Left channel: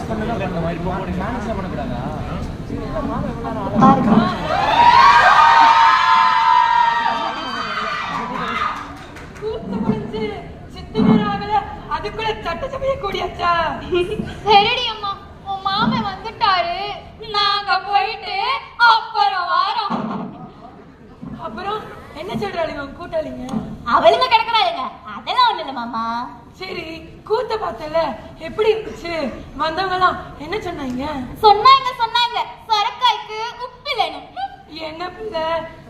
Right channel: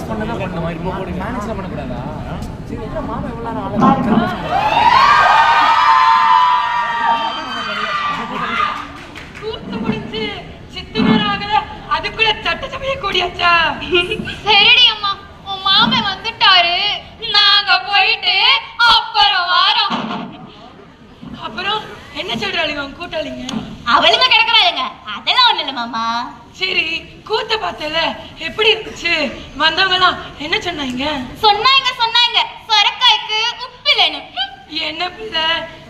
Manage பண்ண தான் இந்த மாதிரி மேனேஜ்லாம் பண்ணக்கூடாதா சரி இல்லை மாமா எவ்வளோ நாள் கூத்து முடிஞ்சு சித்து நேரம் ஆகல அதுக்குள்ள சட்ட சமய கூடியாச்சா சரிடி அம்மா உன் மாமன் வந்துட்டாரு. நாங்க போயிட்டு அப்புறம் வாரோம். அப்புறம் என்ன சொல்றாளுங்க கூட்டாளிங்க? அவளுங்க கிடக்குறாளுங்க. அதெல்லாம் ஒண்ணு இல்ல மாமா. சரி. கூத்த பார்த்தல எப்படி இருந்துச்சு? வந்தவங்க எல்லாம் என்ன சொன்னாங்க? சொன்னாங்க சொன்னாங்க. சொரக்காய்க்கு உப்பு இல்லைன்னு என்ன பிள்ளை?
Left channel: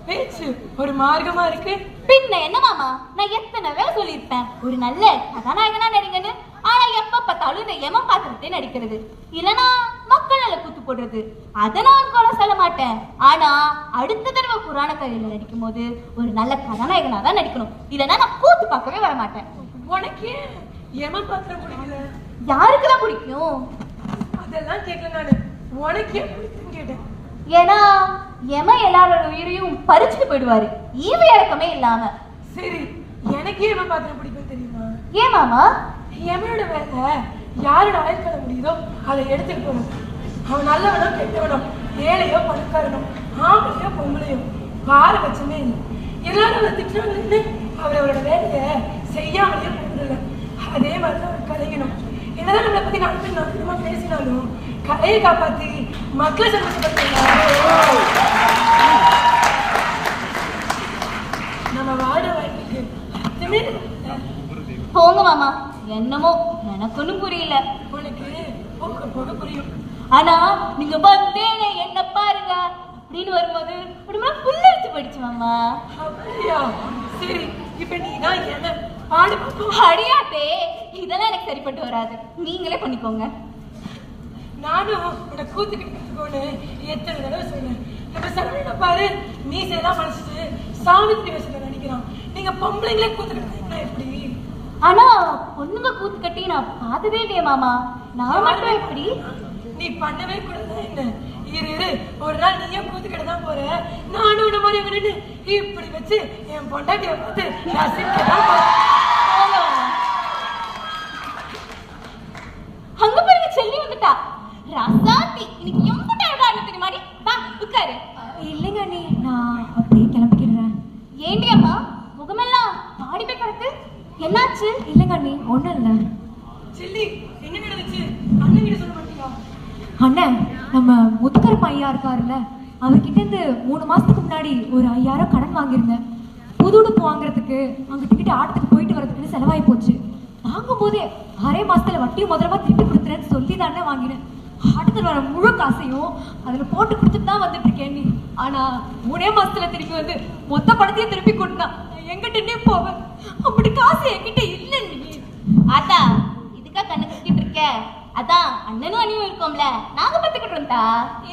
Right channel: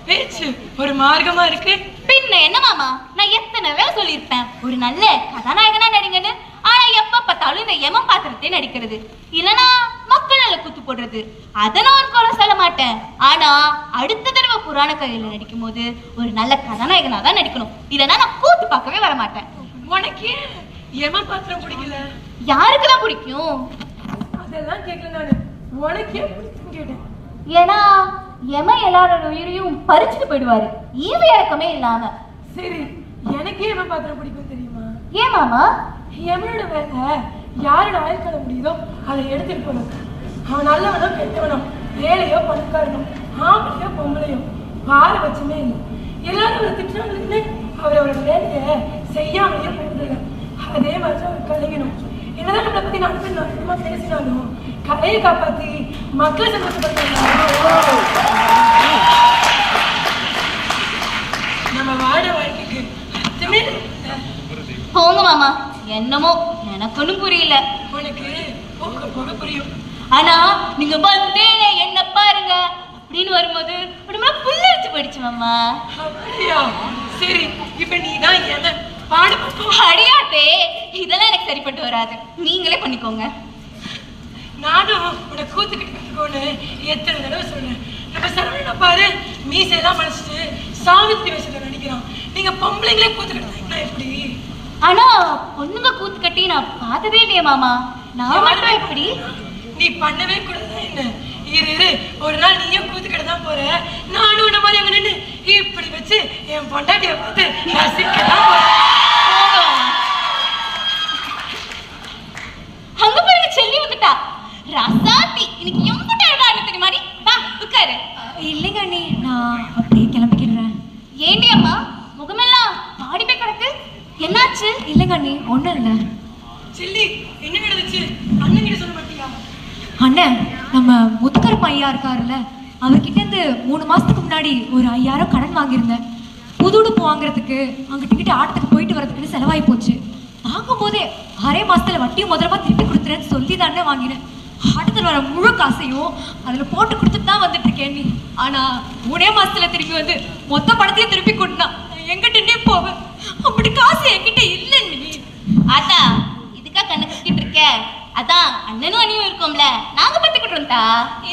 பேச்சு ஒரு மார்க்கமா இருக்கு? பின்ன என்ன மாமா? நான் எத்தனை வேலை சொல்லியிருப்பேன்? ஒரு நல்ல கதாநாயகனா நடிங்கன்னு. ஆனா எப்ப பார்த்தாலும் இந்த எமன் பாத்திரத்தை நடிக்கிறது. இல்லனா மக்கள் நல்ல குத்து போடுறது. அதை நான் ஒரு குறை சொல்ல மாட்டேன். ஆனா அடுத்த தடவை புராண கதையில நடிக்கும் போது ஒரு நல்ல கதாநாயகனா தான் நடிக்கணும். இல்லனா நான் கூத்து பார்க்கவே வர மாட்டேன் உனக்கு எமன் பாத்திரம் பிடிக்கல யாருக்கு தான் பிடிக்கும் அதெல்லாம் கேட்கல நானு. உனக்கு ஏன் பிடிக்குன்னு கேட்டேன். ஏன்னா எம எல்லாரோட உயிரையும் பறிச்சுட்டு போயிடுவாரு. ஈவு இறக்கமே இல்லாம. சரி எனக்கு எமன் பாத்திரம் பிடிக்கும் தெரியுமா? ஏன் மாமா? எவனோட வேலை யாரோட ஆயுட்கால முடியுதோ அதை எடுத்துட்டு போகணும். அவன் நல்லவனோ கெட்டவனோ ஏழையோ பணக்காரனோ ஆம்பளையோ பொம்பளையோ பார பட்சமே இல்லை. எல்லாரும் திட்டுறாங்கன்னு அவர் அவரோட வேலையை செய்யாமலேயே போயிடுறாங்க அதே மாதிரி அவர் கலைக்கணும் என்னதான் நம்மளை பத்தி நடத்தி நடத்தமா பேசினாலும் கலையை காப்பாத்தி மக்களை சந்தோஷப்படுத்த நம்ம வாழ வாழ்க்கைக்கு அர்த்தமே. போங்க மாமா. என்னமோ எனக்கு புரியல. உனக்கு போக புரியும். ஆனா நீங்க வந்தே என்ன பாருங்க. அப்படின்னு வரும்போது உடம்புல புல்லரிச்சு போயிடுச்சு மாமா. அப்படியா? சரி இப்ப நீ தான் என்ன? அடியாத்தே இதெல்லாம் எனக்கு சரிப்பட்டு வராது. நீங்களே பண்ணிக்கோங்க. நானும் உன்னை கூத்துக்கிட்டு கத்துக்கோன்னு எத்தனை தடவை சொன்னேன். நம்ம சரவணனை பாரு மீசையெல்லாம் மறைச்சிட்டு சாவித்திரி வேஷத்துல நடிக்கிறான். நீங்க பொம்பளைங்களே கூத்துக்கிட்டு எப்படி? ஆனா பொண்ணுங்க கூத்து கட்டி நான் பார்த்ததே இல்லையே மாமா. நான் மட்டும் எப்படி? நீ பண்ணவே கூடாதா என்ன? இரு இரு. ஒரு நாள் நீயும் கூத்துக்கிட்ட தான் போற. நானும் உன்ன மாதிரி அங்க இப்படி வச்சு என் பொண்டாட்டிய பார்த்து ரசிக்கலாம் போறேன் போங்க மாமா. அங்க பாருங்க செல்லி வந்துட்டா ரசாத்தி இன்னைக்கு எம்பிட்டு அழகா இருக்கு மாதிரி வா உட்காரு இல்லைங்க அண்ணி நான் அப்படியே கிளம்பிக்கிறேன் ஏண்டி அம்மா முகமெல்லாம் பாடி போய் கிடக்கு என்னாச்சு? இல்லைங்க அண்ணி ஒன்றும் இல்லை. செல்லி என்ன நடந்துச்சு? அண்ணன் கிட்ட சொல்ல மாட்டியா அண்ணன் நம்ம முத்துக்கருப்பு ஐயா இருக்காருல்ல அவர்கிட்ட இருந்து மூணு மாசத்துக்கு முன்னாடி ஒரு ஐயாயிரம் கடன் வாங்கியிருந்தேன். புது உடுப்பு வாங்குறதுக்கு அங்க டிக்கெட் ஆட்டத்துக்கு போயிட்டு வரதுக்குன்னு செலவாகி போச்சு. வாங்கும் போதே அரை மாசத்துல வட்டியும் முதலமா திருப்பி கொடுத்துறேன்னு சொல்லி தானே வாங்கினேன். ஆட்டத்தில் வர முழு காசையும் அதுல போட்டு கொடுத்துட்டு தான் வந்துட்டு இருக்கேன் நீ. ஆனா மூணே மாசத்துல திருப்பி வந்து மொத்த பணத்தையும் திருப்பி கொடுத்தா எங்கிட்டே போவேன் அப்படி காசு என்கிட்ட இல்லை நீ. அதான் இதுக்கா கண்ணு கட்டிட்டு இருக்க. அதான் அண்ணனும் அண்ணியும் இருக்கோம்ல. நாங்க பத்துக்கிட்டோம் தா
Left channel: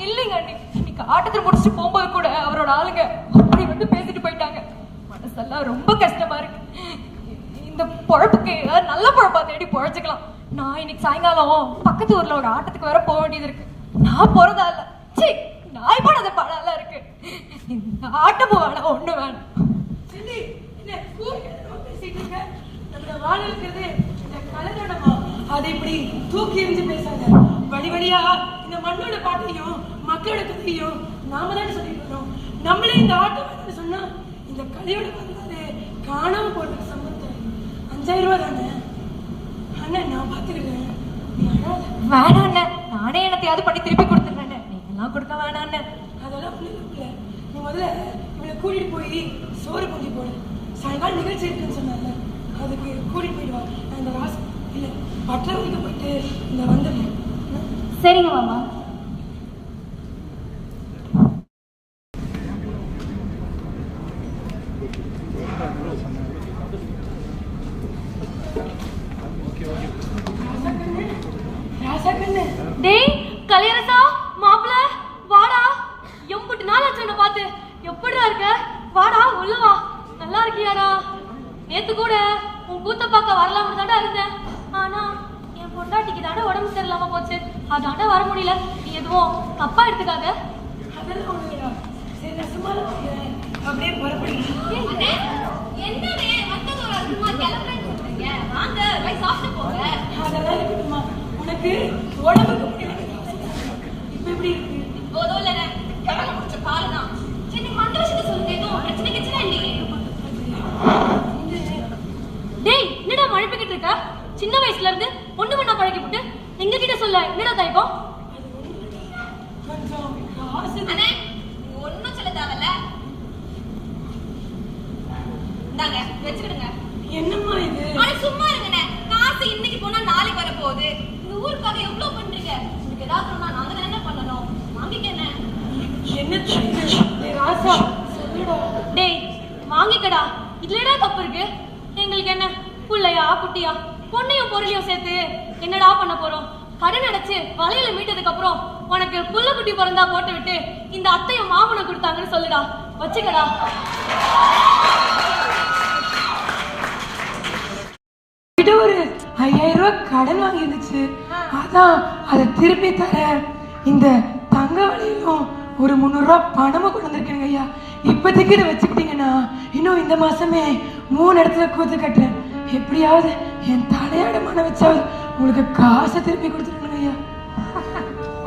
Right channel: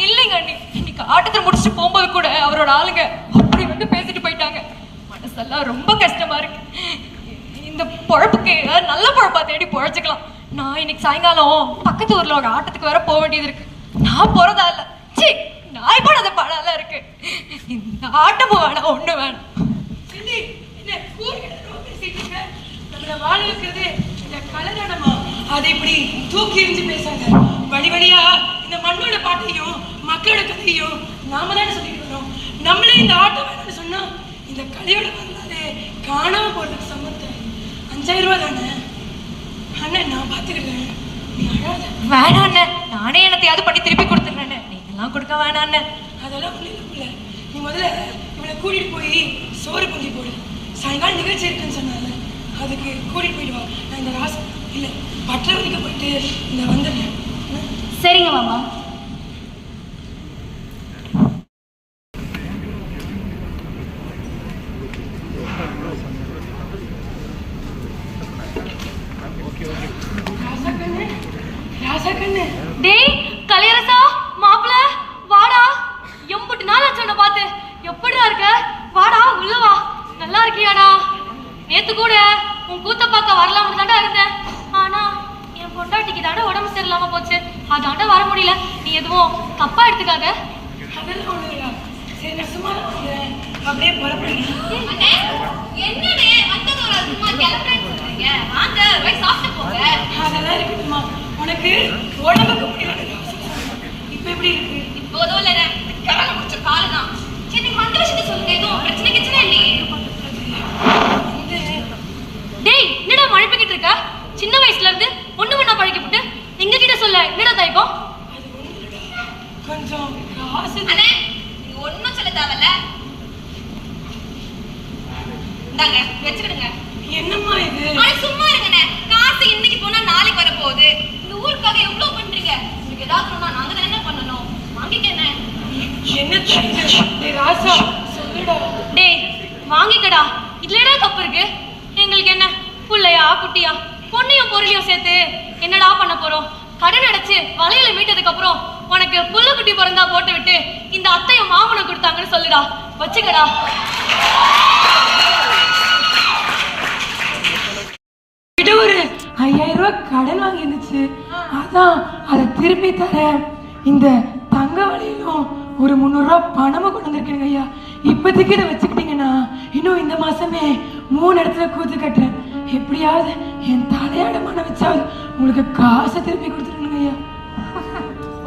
இல்லைங்க அண்ணி. இன்னைக்கு ஆட்டத்தை முடிச்சுட்டு போகும்போது கூட அவரோட ஆளுங்க அப்படி வந்து பேசிட்டு போயிட்டாங்க. மனசெல்லாம் ரொம்ப கஷ்டமா இருக்கு. இந்த பொழப்புக்கு ஏதாவது நல்ல பொழப்பா தேடி பொழைச்சுக்கலாம். நான் இன்னைக்கு சாயங்காலம் பக்கத்து ஊர்ல ஒரு ஆட்டத்துக்கு வர போக வேண்டியது இருக்கு. நான் போறதா இல்ல. சீ நாய் போனது பழம் இருக்கு. இந்த ஆட்டமும் வேணாம் ஒண்ணு வேணாம் செல்லி என்ன கூறுகிறதோ பேசிட்டு இருக்க வைக்கிறது இந்த கலதானமா அதை இப்படி தூக்கி எறிஞ்சு பேசாங்க வழி வழியா இந்த மண்ணோட பாட்டையும் மக்களோட கதையும் நாம தானே சொல்லிட்டு வரோம் நம்மளே இந்த ஆட்டம் வேணும்னு சொன்னா இந்த கலையோட வரலாறு காணாம போறதுக்கு சம்மந்தம் அஞ்சாயிரம் ரூபாய் தானே? அண்ணன் நான் அழாத. வேணாம் அண்ணன் நானே என்னத்தையாவது பண்ணி திருப்பி கொடுத்துடுறேன் நீங்கெல்லாம் கொடுக்க வேணாம் அண்ணன் அதெல்லாம் ஒண்ணு இல்ல நீ முதல்ல இவனை கூட்டிட்டு போய் சோறு பந்தி போடு. சாயங்காலம் நிகழ்ச்சி இருக்குன்னு சொன்னாங்க அதுக்கு கூட்டிட்டு போயிடுவா நான் இந்த ராச இல்ல பட்டவதிக்கு போயிட்டு இந்த வந்துடுறேன்? சரிங்க மாமா. டேய் கலியரசா மாப்பிள வாடா. எம்புட்டு நாள் ஆச்சு உன்னை பார்த்து. எப்படிடா இருக்க? வாடா உள்ள வா. நல்லா இருக்கியாடா? நேத்து கூட உன் கூத்த பார்க்க வரலாம்னு தாண்டா இருந்தேன். ஆனா என் பொண்டாட்டிக்கு தாண்டா உடம்பு சரியில்லாம போச்சு. அதாண்டா வர முடியல. நீ எதுவும் தப்பா எடுத்துக்காத. உனக்கு உடம்புக்கு இப்ப எப்படி இருக்கு? இப்போதும் இல்ல கரல முடிச்ச காலு தான் சரி நீங்க வந்த விஷயத்த சொல்லுங்க எதுவும் பிரச்சனை கிச்சனை இல்லையே இது டேய் என்னடா மழைப்பிக்கிட்டு இருக்க சின்ன வயசுல இருந்து ஒண்ணு மண்ணா பழகிவிட்டு எங்க கிட்ட சொல்ல என்னடா தாய்ப்போம் கொஞ்சம் காசு அண்ணே நீங்க ஒண்ணும் சொல்ல தேவையில்ல. இந்தாங்க வச்சுக்கிடுங்க. என்னம்மா இது? சும்மா இருங்கண்ணே காசு இன்னைக்கு போனா நாளைக்கு வர போகுது இந்த ஊருக்காக எவ்வளவு பண்றீங்க? உங்களுக்கு ஏதாவது ஒண்ணா நாங்க தானே என்ன பண்ணணும். வாங்கிக்கண்ணே என்ன டேய் ராசா சொல்லுடா. டேய் வாங்கிக்கடா. இதுல என்ன தப்பு இருக்கு. எங்களுக்கு என்ன? புள்ளையா குட்டியா? பொண்ணையும் பொருளையும் சேர்த்து என்னடா பண்ண போறோம்? கடன் அடைச்சு வலையில மீட்டதுக்கு அப்புறம் உனக்கு புள்ள குட்டி பிறந்தா போட்டு விட்டு இந்த அத்தையும் மாமனை கொடுத்தாங்கன்னு சொல்லுடா. வச்சுக்கடா. ஒரு ஐயாயிரம் ரூபாய் கடன் வாங்கி இருந்துச்சு அதான் அதை திருப்பி தர. இந்த தங்க வலையிலும் ஒரு முந்நூறு ரூபாய் பணமும் கொண்டு வந்திருக்கேனுங்க ஐயா. இப்போதைக்கு இதை வச்சுக்கிட்டீங்கன்னா இன்னும் இந்த மாசமே மூணு இடத்துல கூத்து கட்டுறேன். எப்படியாவது என் தலையாட மன வச்சாவது உங்களுக்கு காசை திருப்பி கொடுத்துருணுங்க ஐயா.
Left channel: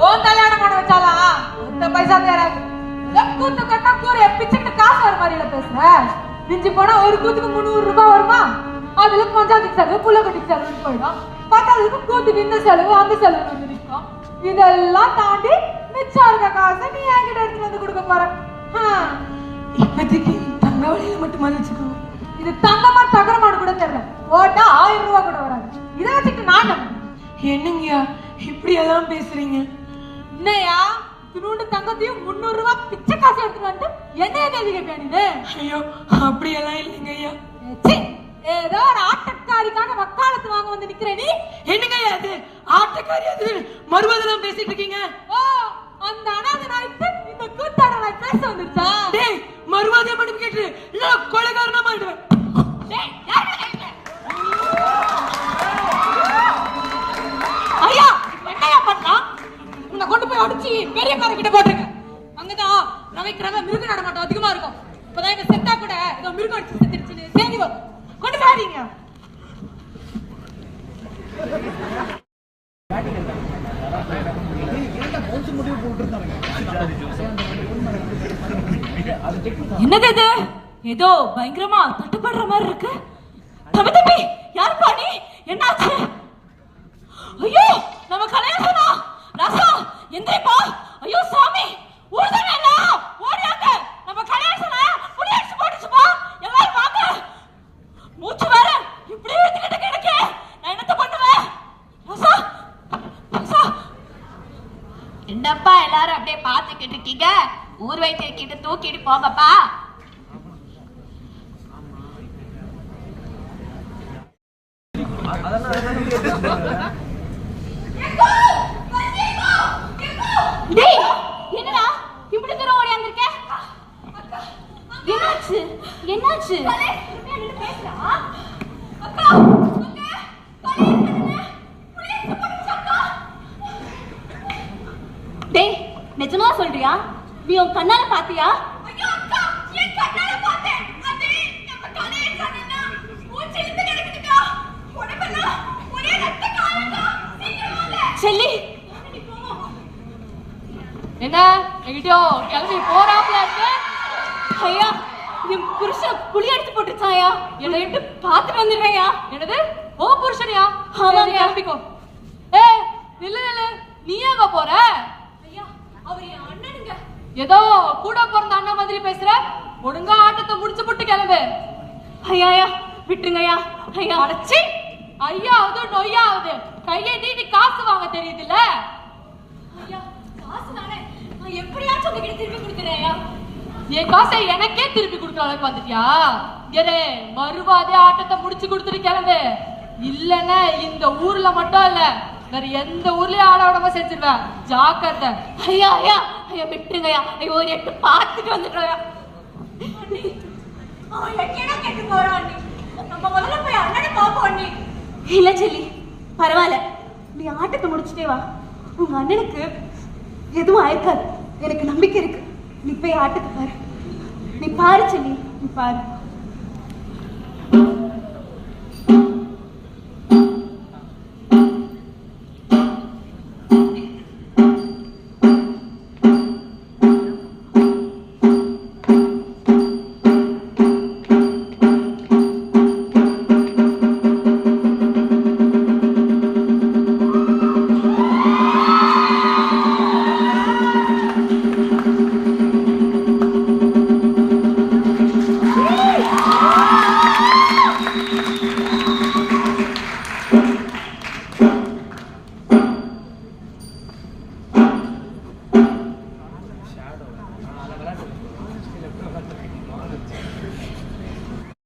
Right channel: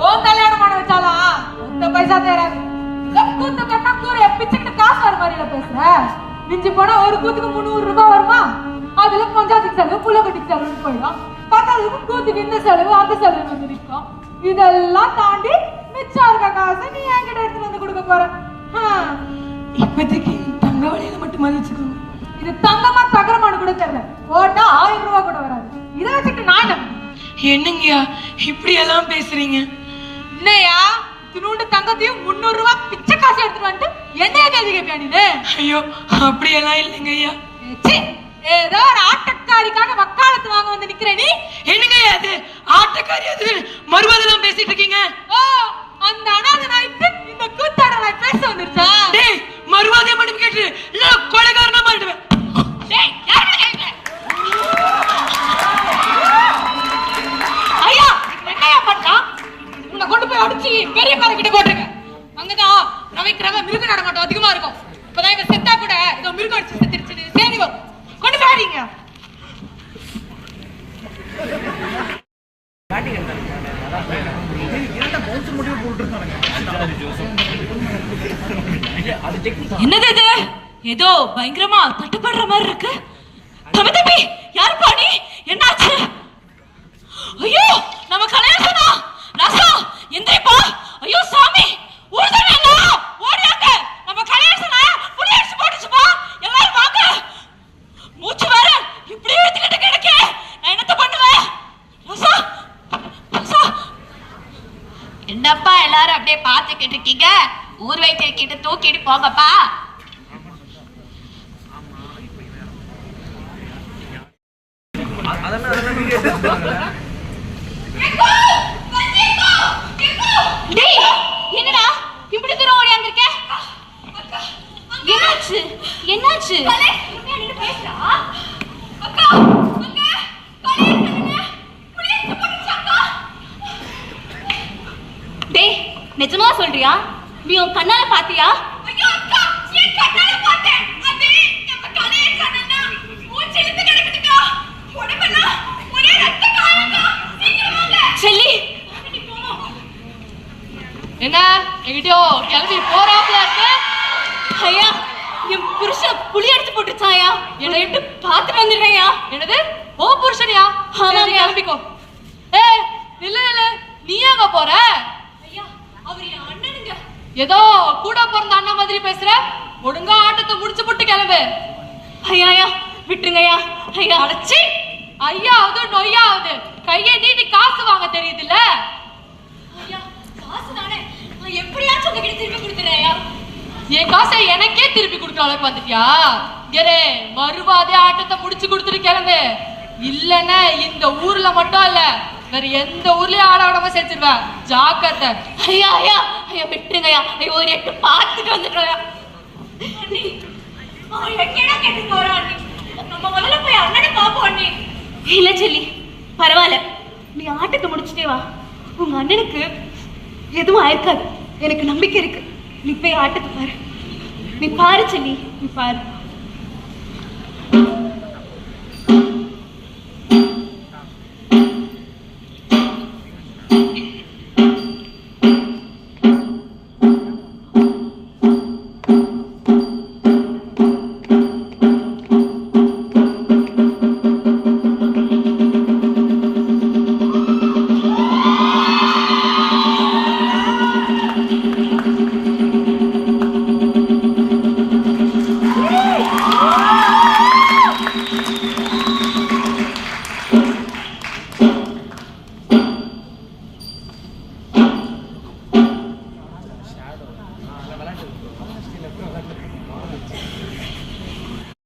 ஓ கல்யாணம் பண்ண வச்சாலா? இந்த பைசா தேராது கூத்து கட்டா கூரைய பிச்சுக்கிட்டு காசு வர மாதிரில பேசுற. மிஞ்சி போனா ஒரு கூத்துக்கு முந்நூறு ரூபாய் வருமா? அதுல பஞ்சாயத்துக்கு செலவு புள்ள கட்டிக்கு செலவு போயிடும். பத்தாவதுக்கு கூத்துக்கு இந்த செலவு அந்த செலவு வந்து நிற்கும். இதெல்லாம் தாண்டி மிச்சம் இருக்க காசை நீ என்கிட்ட எடுத்துட்டு வந்து கொடுக்க போற. இப்போதைக்கு தங்க வலையில மட்டும் வச்சுக்கோங்க இது தங்கமா என்னங்கய்யா இப்படி எல்லாம் பேசுறீங்க? இல்லையா திருண்டு தங்கத்தையும் முந்நூறு ரூபாய் பிச்சை காசு எடுத்துட்டு வந்துட்டு என்னைய கேள்வி கேட்பியா நீ ஐயோ அப்படியெல்லாம் இல்லைங்க ஐயா ஏதோ ஒரு ஆட்டக்காரிக்காக வக்காலத்து வாங்க வந்து நிக்கிற நீ? என்னங்க அது? ஆட்டக்காரி அது? மறுவாதெல்லாம் பேசிட்டு இருக்கீங்க. ஓ அந்த அனாதை நாய்க்கு இந்த கூத்தாட நாய் பேச வந்துருச்சா? டேய் மறுவாதம் மன்னிப்பு கேட்டு இல்ல கொலைகாரனா மாட்டுவேன் டேய் கொண்டு போய் அடிச்சு பெரிய கார கிட்ட போட்டுருங்க. அங்கதான் நவைக்கிறவ மிருக நடமாட்டம் அதிகமா இருக்கும். இப்பதான் இவன் செத்தா கூட ஏதோ மிருகம் அடிச்சு செத்துருச்சுன்னு சரி கொண்டு போய் என்னது இது? ஏதோ பயங்கரமா தட்டுப்படுற மாதிரி இருக்கு. தம்பி தம்பி யார் பாடி என்னாச்சு? ஐயோ நம்ம கல்யாணம் எந்திரிப்பா ஐயோ சாமி! ஊர்தானே எல்லாம் ஓடியாங்க நம்ம கணேசனா புடி அடிச்சு போட்டுச்சுப்பா! எல்லாரும் வாங்க! மூச்சு வேற! இப்படி எடுத்துக்கிட்டு கிடக்கே! நான் என்னத்த பண்ணுவேன்? ராசா ராசா என்னப்பா எல்லாரும் அப்படியே பார்த்துக்கிட்டு இருக்கீங்க? ஊர் வைத்திய கிட்ட தூக்கிட்டு போங்கப்பா! டேய் என்னடா இப்படி தூரம் ஓடியாந்திருக்க என்னாச்சு என்னாச்சு பேசுறா அக்கா அக்கா கல்யாணம் பண்ணுங்க புளியத்து போட்டுச்சு அக்கா டேய் நிஜமா சொல்றியா? நீ உன் கண்ணால பாத்தியா? செல்லி. என்ன? எங்கிட்டயோ கிளம்பி போறாப்ல. என் புருஷன் புளி அடிச்சு போட்டுச்சாயா என்னை விட்டு பார்த்துட்டு வந்துடுறேயா என்னது? ஓ புருஷனியா? ஆமாங்க. கிளம்பிக்கோ. ஏ இல்ல இல்ல நீ எங்க போற? ஐயா அவர் என் அண்ணனுங்க. ஏதோ கூட பிறந்த அண்ணன் மாதிரி பேசுற? ஒழுங்கா ஆட்டத்தை முடிச்சு போட்டு கிளம்பு. ஐயா ஐயா விட்டுருங்க ஐயா. ஐயா அடச்சி ஐயாவது நொய்யாவது கையை நீட்டி காசு வாங்க தெரியுதுல்ல? ஐயா காசு தானே எப்படியாச்சும் உங்ககிட்ட ஐயா என் காசை எனக்கே திருப்பி கொடுக்குற அளவுக்கு வந்துட்டியா? கரே மறுவாதே ஆட்டத்தை முடிச்சு கொடுத்துட்டு கிளம்பு. இல்லன்னு இந்த ஊர்ல மட்டும் இல்ல வேற எந்த ஊர்லயும் ஆட விடாம செஞ்சிருவேன் ஜாக்கிரதை. ஐயா ஐயா ஐயா விட்டுருங்க ஐயா ஒரு எட்டு பார்த்துட்டு அண்ணி. இல்ல செல்லி பரவாயில்ல. நீ ஆட்டத்தை முடிச்சிட்டே வா. உங்க அண்ணனுக்கு எதுவும் ஆயிருக்காது. எனக்கு நம்பிக்கை இருக்கு. நீ போய் ஆட்டத்தை பாரு. நீ பாரு செல்லி நீ பாரு.